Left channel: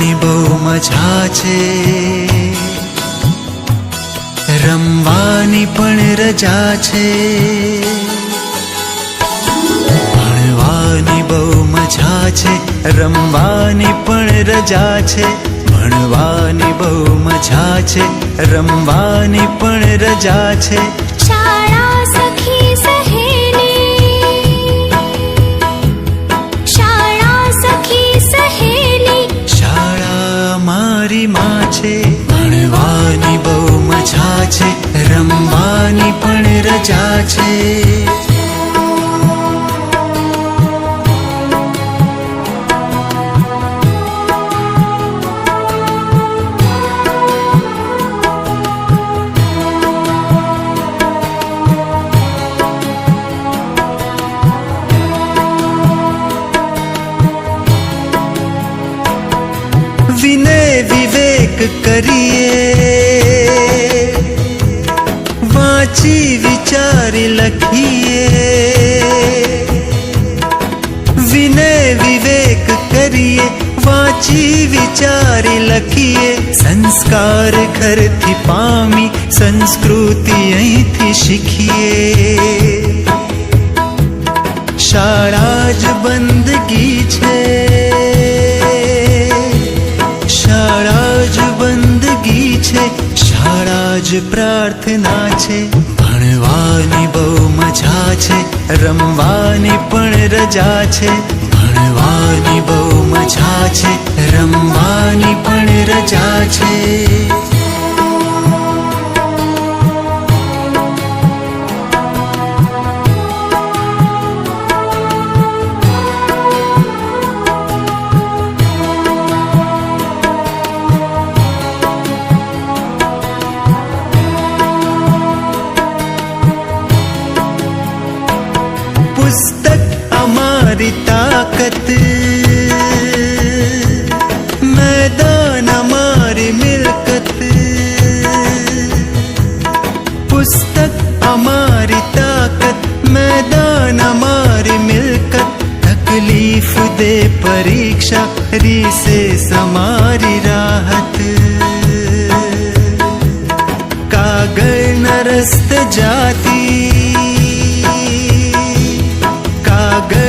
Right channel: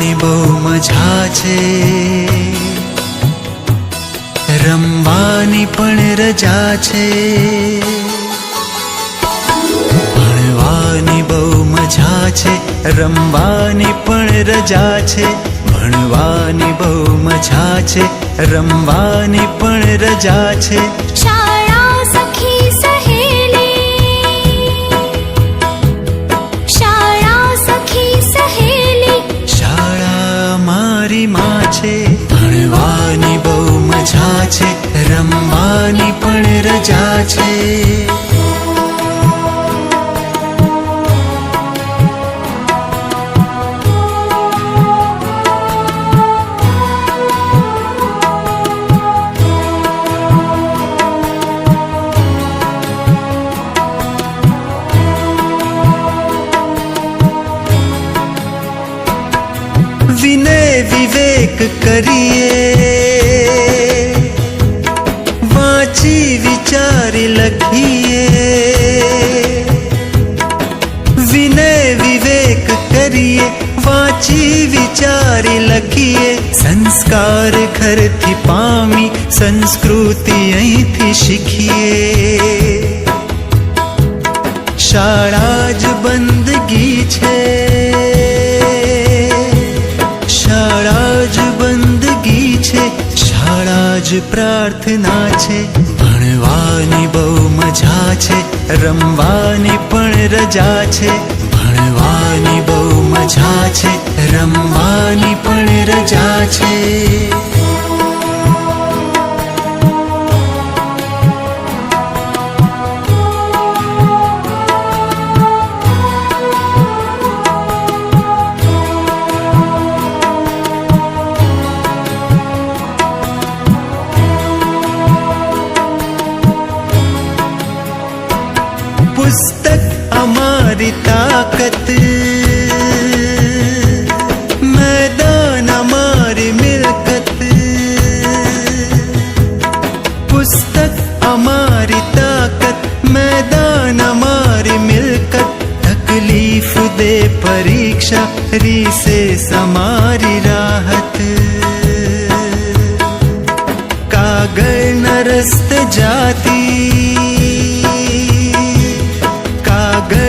ભણવાની બહુ મજા છે, રમવાની પણ રજા છે. ભણવાની બહુ મજા છે, રમવાની પણ રજા છે. ભણવાની બહુ મજા છે, રમવાની પણ રજા છે. શાળા સખી સહેલી, શાળા સખી સહેલી, શાળા મારી માં છે. ભણવાની બહુ મજા છે, રમવાની પણ રજા છે. વિનય વિવેક કરીએ, વાંચી વિચારી લખીએ. વિનય વિવેક કરીએ, વાંચી વિચારી લખીએ. સંસ્કાર ઘરથી પામી, સંસ્કૃતિ અહીંથી શીખીએ. શાળા જ બંદગી છે, શાળા જ બંદગી છે. શાળા જ પ્રાર્થના છે. ભણવાની બહુ મજા છે, રમવાની પણ રજા છે. ભણવાની બહુ મજા છે, રમવાની પણ રજા છે. પુસ્તક અમારી તાકત, મેદાન અમારી મિલકત. પુસ્તક અમારી તાકત, મેદાન અમારી મિલકત. તકલીફ દે પરીક્ષા, રિસેસ અમારી રાહત. કાગળ ન રસ્તે જાતી, કાગળ